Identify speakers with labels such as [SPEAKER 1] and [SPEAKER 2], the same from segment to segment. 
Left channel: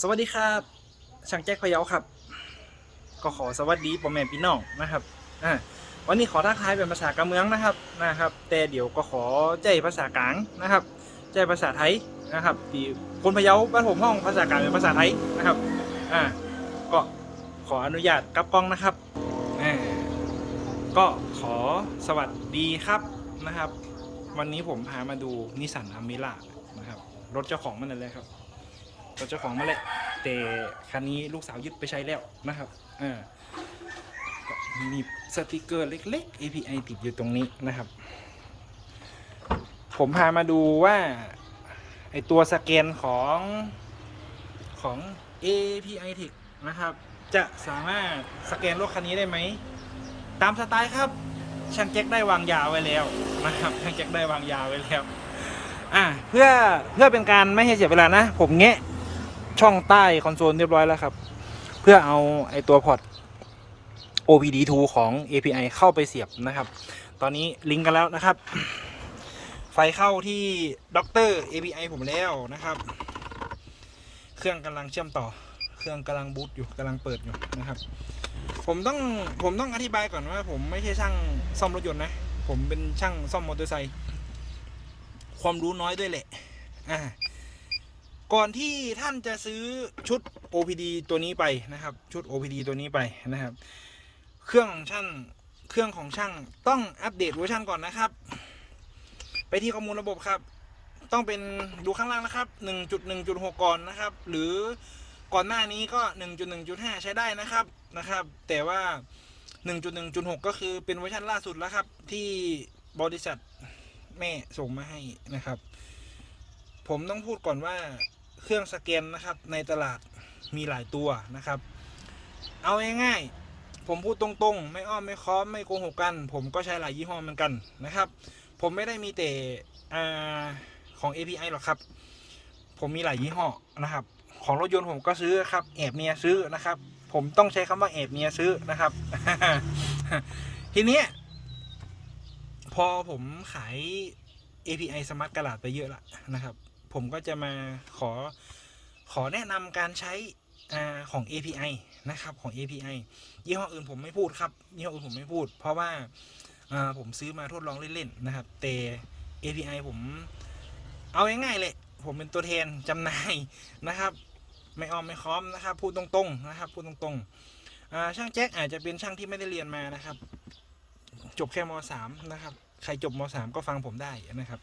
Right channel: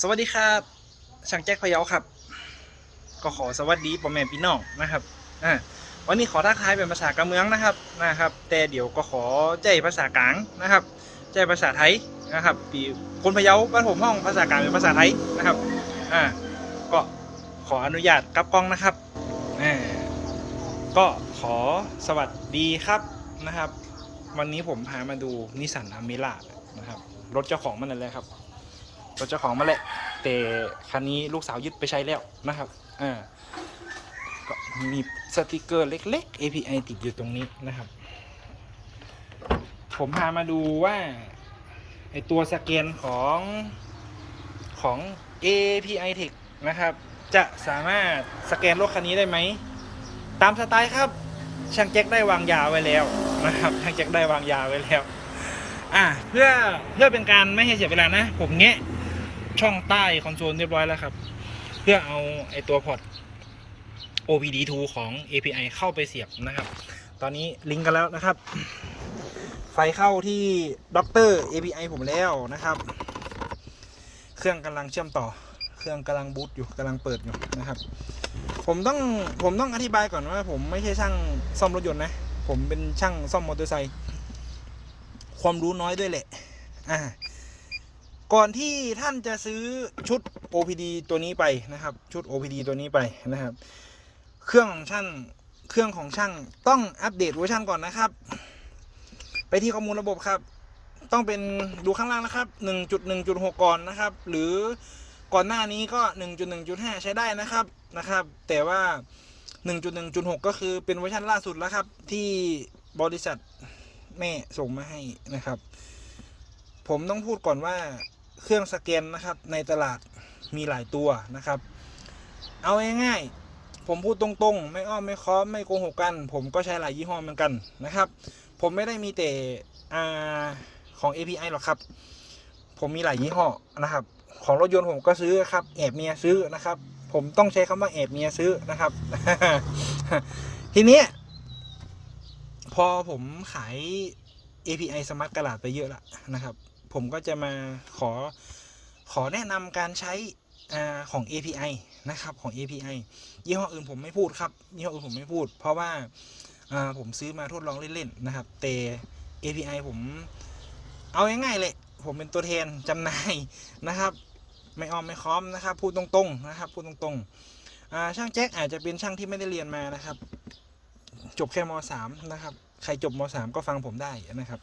[SPEAKER 1] สวัสดีครับช่างแจ็คพะเยาครับ ก็ขอสวัสดีพ่อแม่พี่น้องนะครับอ่าวันนี้ขอทักทายเป็นภาษากะเมืองนะครับนะครับ แต่เดี๋ยวก็ขอใจภาษากลางนะครับใจภาษาไทยนะครับที่คนพะเยาบ้านผมห้องภาษากลางเป็นภาษาไทยนะครับอ่าก็ขออนุญาตกลับกล้องนะครับอ่าก็ขอสวัสดีครับนะครับ วันนี้ผมพามาดูนิสสันอเมร่านะครับรถเจ้าของมันนั่นแหละครับ รถเจ้าของมาแหละ แต่คันนี้ลูกสาวยึดไปใช้แล้วนะครับอ่าก็มีสติกเกอร์เล็ก ๆ API ติดอยู่ตรงนี้นะครับ ผมพามาดูว่าไอตัวสแกนของของ API Tech นะครับ จะสามารถสแกนรถคันนี้ได้ไหม ตามสไตล์ครับ ช่างแจ็คได้วางยาไว้แล้วนะครับ ช่างแจ็คได้วางยาไว้แล้ว อะเพื่อเพื่อเป็นการไม่ให้เสียเวลานะ ผมแงะ ช่องใต้คอนโซลเรียบร้อยแล้วครับ เพื่อเอาไอตัวพอร์ต OPD2 ของ API เข้าไปเสียบนะครับ ตอนนี้ลิงก์กันแล้วนะครับ ไฟเข้าที่ด็อกเตอร์ API ผมแล้วนะครับ เครื่องกำลังเชื่อมต่อ เครื่องกำลังบูตอยู่กำลังเปิดอยู่นะครับ ผมต้องผมต้องอธิบายก่อนว่า ผมไม่ใช่ช่างซ่อมรถยนต์นะ ผมเป็นช่างซ่อมมอเตอร์ไซค์ความรู้น้อยด้วยแหละ อ่า ก่อนที่ท่านจะซื้อชุด OPD ตัวนี้ไปนะครับ ชุด OPD ตัวนี้ไปนะครับ เครื่องของช่างเครื่องของช่างต้องอัปเดตเวอร์ชันก่อนนะครับ ไปที่ข้อมูลระบบครับ ต้องเป็นดูข้างล่างนะครับ 1.1.6 ก่อนนะครับ หรือก่อนหน้านี้ก็ 1.1.5 ใช้ได้นะครับนะครับ แต่ว่า 1.1.6 ก็คือเป็นเวอร์ชันล่าสุดแล้วครับ ที่บริษัทแม่ส่งมาให้นะครับ ผมต้องพูดก่อนว่า เครื่องสแกนนะครับในตลาดมีหลายตัวนะครับ เอาง่ายๆผมพูดตรงๆ ไม่อ้อมไม่ค้อมไม่โกหกกัน ผมก็ใช้หลายยี่ห้อเหมือนกันนะครับ ผมไม่ได้มีแต่อของ API หรอกครับ ผมมีหลายยี่ห้อนะครับ ของรถยนต์ผมก็ซื้อครับแอบเมียซื้อนะครับ ผมต้องใช้คำว่าแอบเมียซื้อนะครับ ทีนี้พอผมขาย API Smart กระดาษไปเยอะละนะครับ ผมก็จะมาขอขอแนะนำการใช้ของ API นะครับของ API ยี่ห้ออื่นผมไม่พูดครับยี่ห้ออื่นผมไม่พูด เพราะว่าผมซื้อมาทดลองเล่นๆนะครับแต่ API ผมเอาง่ายๆเลยผมเป็นตัวแทนจำหน่ายนะครับ ไม่ออมไม่ค้อมนะครับ พูดตรงๆนะครับพูดตรงๆช่างแจ็คอาจจะเป็นช่างที่ไม่ได้เรียนมานะครับ จบแค่มสามนะครับ ใครจบมสามก็ฟังผมได้นะครับ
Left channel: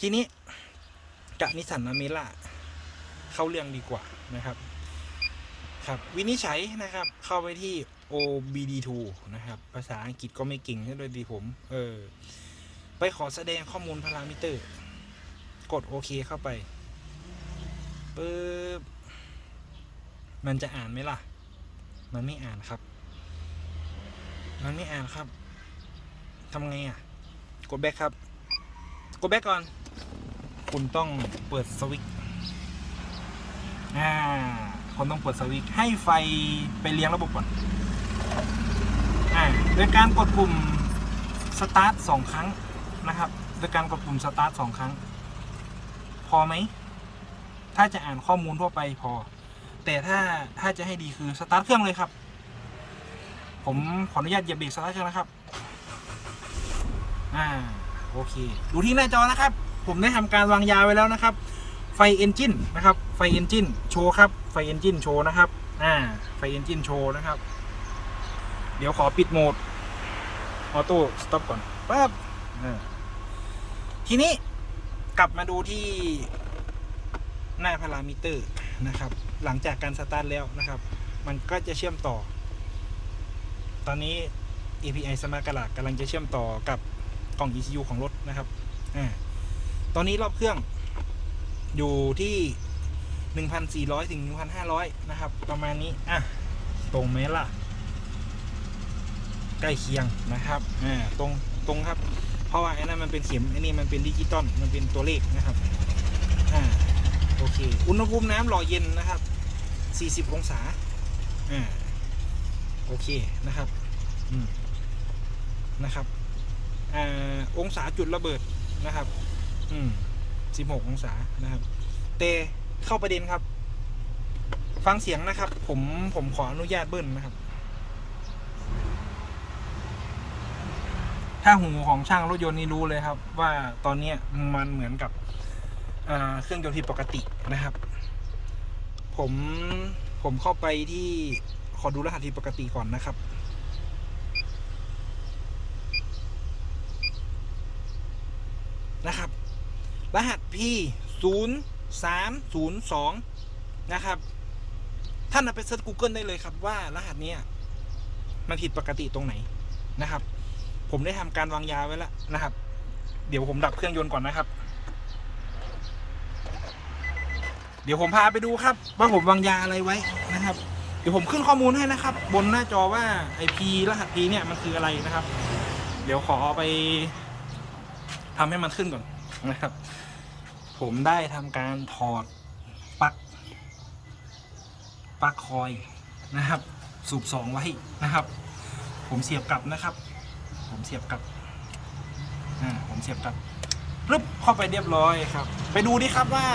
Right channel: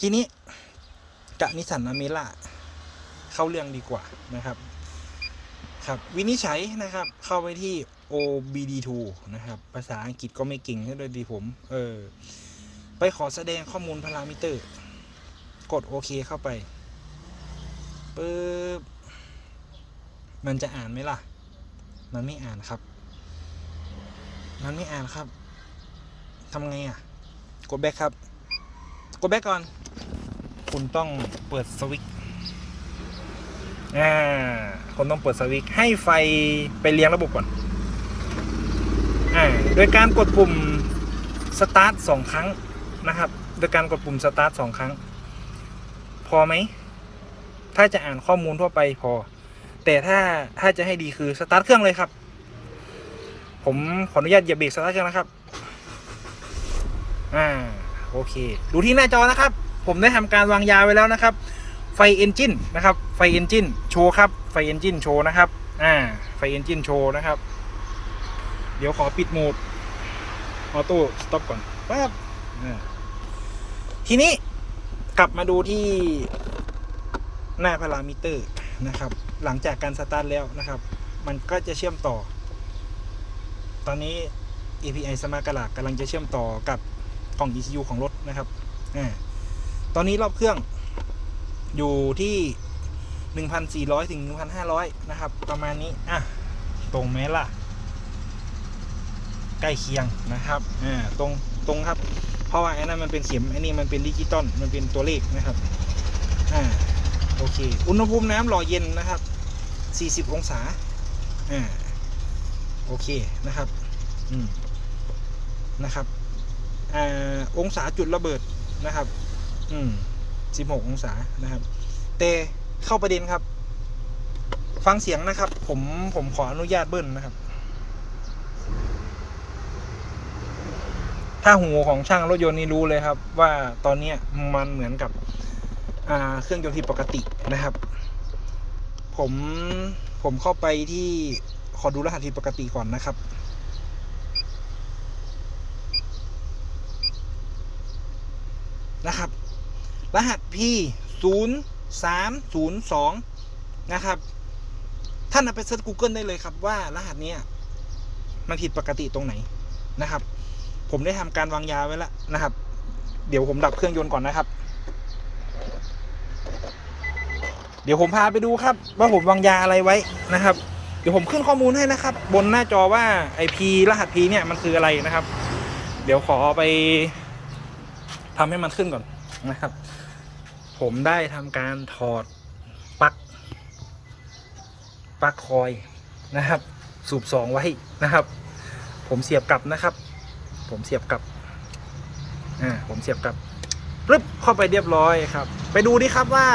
[SPEAKER 1] ทีนี้ กับนิสันอเมร่าเข้าเรื่องดีกว่านะครับ ครับ วินิจฉัยนะครับ เข้าไปที่ OBD2 นะครับ ภาษาอังกฤษก็ไม่เก่งซะด้วยดีผม เออ ไปขอแสดงข้อมูลพารามิเตอร์ กดโอเคเข้าไปปึ๊บมันจะอ่านไหมล่ะ มันไม่อ่านครับ มันไม่อ่านครับทำไงอะ กดแบ็คครับ กดแบ็คก่อน คุณต้องเปิดสวิตช์อ่าคุณต้องเปิดสวิตช์ให้ไฟไปเลี้ยงระบบก่อนอ่าโดยการกดปุ่มสตาร์ทสองครั้งนะครับ โดยการกดปุ่มสตาร์ทสองครั้ง พอไหม ถ้าจะอ่านข้อมูลทั่วไปพอ แต่ถ้าถ้าจะให้ดีคือสตาร์ทเครื่องเลยครับ ผมขออนุญาตเหยียบเบรกสตาร์ทเครื่องนะครับ อ่า โอเค ดูที่หน้าจอนะครับ ผมได้ทำการวางยาไว้แล้วนะครับ ไฟเอนจินนะครับ ไฟเอนจินโชว์ครับ ไฟเอนจินโชว์นะครับ อ่า ไฟเอนจินโชว์นะครับ เดี๋ยวขอปิดโหมด ออโต้สต็อปก่อนแป๊บอ่าทีนี้กลับมาดูที่หน้าพารามิเตอร์นะครับ หลังจากการสตาร์ทแล้วนะครับ มันก็จะเชื่อมต่อ ตอนนี้ API Smart กระลากกำลังจะเชื่อมต่อกับกล่อง ECU ของรถนะครับอ่า ตอนนี้รอบเครื่องอยู่ที่1,400ถึง1,500นะครับ ประมาณนี้ อะ ตรงไหมล่ะ ใกล้เคียงนะครับ อ่า ตรง ตรงครับ เพราะว่าไอ้นั่นมันเป็นเข็มไอ้นี่มันเป็นดิจิตอล มันเป็นตัวเลขนะครับ อ่า โอเค อุณหภูมิน้ำหล่อเย็นนะครับ 40 องศา อ่า โอเคนะครับ อืม นะครับ อ่า องศาจุดระเบิดนะครับ อืม16องศานะครับ แต่เข้าประเด็นครับ ฟังเสียงนะครับ ผมผมขออนุญาตเบิ้ลนะครับ ถ้าหูของช่างรถยนต์นี่รู้เลยครับ ว่าตอนเนี้มันเหมือนกับเครื่องยนต์ผิดปกตินะครับ ผมผมเข้าไปที่ขอดูรหัสผิดปกติก่อนนะครับนะครับ รหัส P 0 3 0 2 นะครับ ท่านเอาไปเซิร์ช Google ได้เลยครับว่ารหัสเนี้ยมันผิดปกติตรงไหนนะครับ ผมได้ทำการวางยาไว้แล้วนะครับ เดี๋ยวผมดับเครื่องยนต์ก่อนนะครับ เดี๋ยวผมพาไปดูครับ ว่าผมวางยาอะไรไว้นะครับ เดี๋ยวผมขึ้นข้อมูลให้นะครับ บนหน้าจอว่าไอพีรหัส P เนี่ยมันคืออะไรนะครับ เดี๋ยวขอไปทำให้มันขึ้นก่อนนะครับ ผมได้ทำการถอดปลั๊กปลั๊กคอยนะครับ สูบสองไว้นะครับ ผมเสียบกลับนะครับ ผมเสียบกลับอ่าผมเสียบกลับปึ๊บเข้าไปเรียบร้อยครับ ไปดูดิครับว่า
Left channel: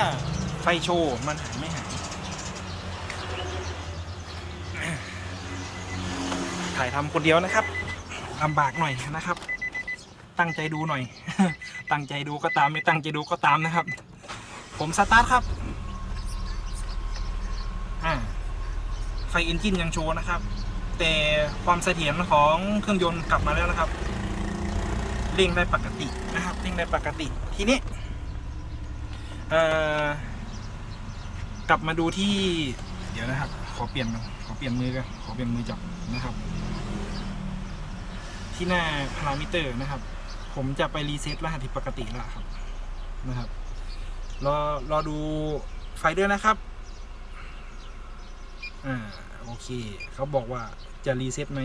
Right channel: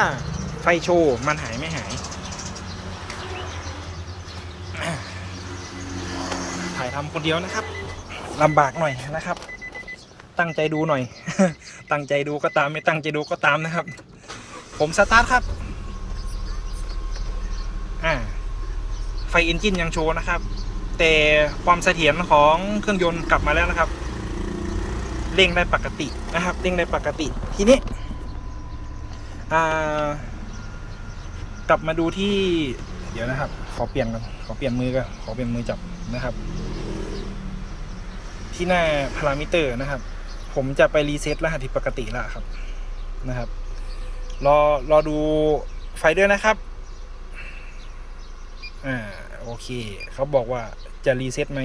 [SPEAKER 1] ไฟโชว์มันหายไม่หายถ่ายทำคนเดียวนะครับลำบากหน่อยนะครับ ตั้งใจดูหน่อย ตั้งใจดูก็ตามไม่ตั้งใจดูก็ตามนะครับ ผมสตาร์ทครับ อ่า ไฟเอนจินยังโชว์นะครับ แต่ความเสถียรของเครื่องยนต์กลับมาแล้วนะครับ เร่งได้ปกตินะครับ เร่งได้ปกติ ทีนี้ อ่า กลับมาดูที่ เดี๋ยวนะครับ ขอเปลี่ยนกัน ขอเปลี่ยนมือกัน ขอเปลี่ยนมือจับนะครับที่หน้าพารามิเตอร์นะครับ ผมจะไปรีเซ็ตรหัสที่ปกติแล้วครับนะครับ รอรอดูไฟด้วยนะครับ อ่าโอเค เขาบอกว่าจะรีเซ็ตไหม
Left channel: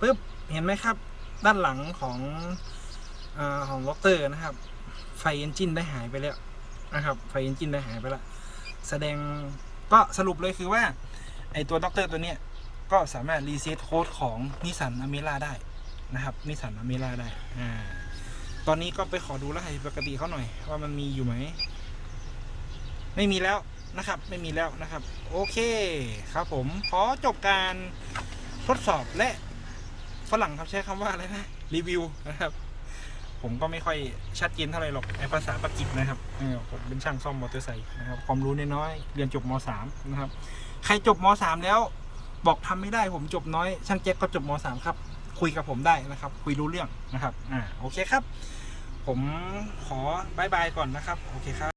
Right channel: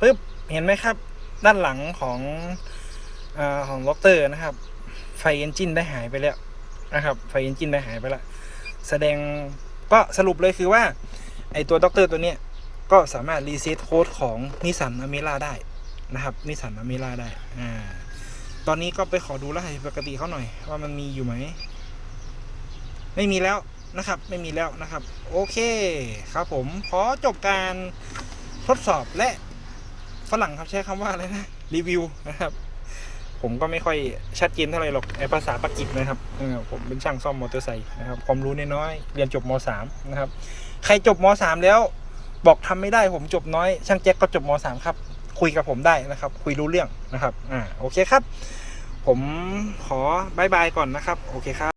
[SPEAKER 1] ปึ๊บเห็นไหมครับ ด้านหลังของอของล็อกเตอร์นะครับ ไฟเอนจินได้หายไปแล้วนะครับ ไฟเอนจินได้หายไปแล้วแสดงก็สรุปเลยคือว่า ไอตัวด็อกเตอร์ตัวเนี้ยก็สามารถรีเซ็ตโค้ดของนิสสันอเมร่าได้ นะครับนิสสันอเมร่าได้อ่าตอนนี้ก็ไปขอดูรหัสปกติเขาหน่อย ว่ามันมีอยู่ไหม ไม่มีแล้วนะครับ ไม่มีแล้วนะครับ โอเคครับผมขอจบการทดสอบและฝรั่งครับใช้คำว่าอะไรนะรีวิวนะครับ ผมก็ไม่ค่อยชัดเจนเท่าไหร่หรอกไอภาษาปากีสนะครับเออผมเป็นช่างซ่อมมอเตอร์ไซค์นะครับความรู้น้อยๆเรียนจบม .3 นะครับ ใครจบม .3 แล้วบอกทำไม่ได้ผมจบน้อย ช่างแจ็คก็จบม .3 ครับ คุยกับผมได้นะครับ คุยรู้เรื่องนะครับ อ่า โอเคครับ ผมขอบายบายก่อนนะครับ โอเคครับ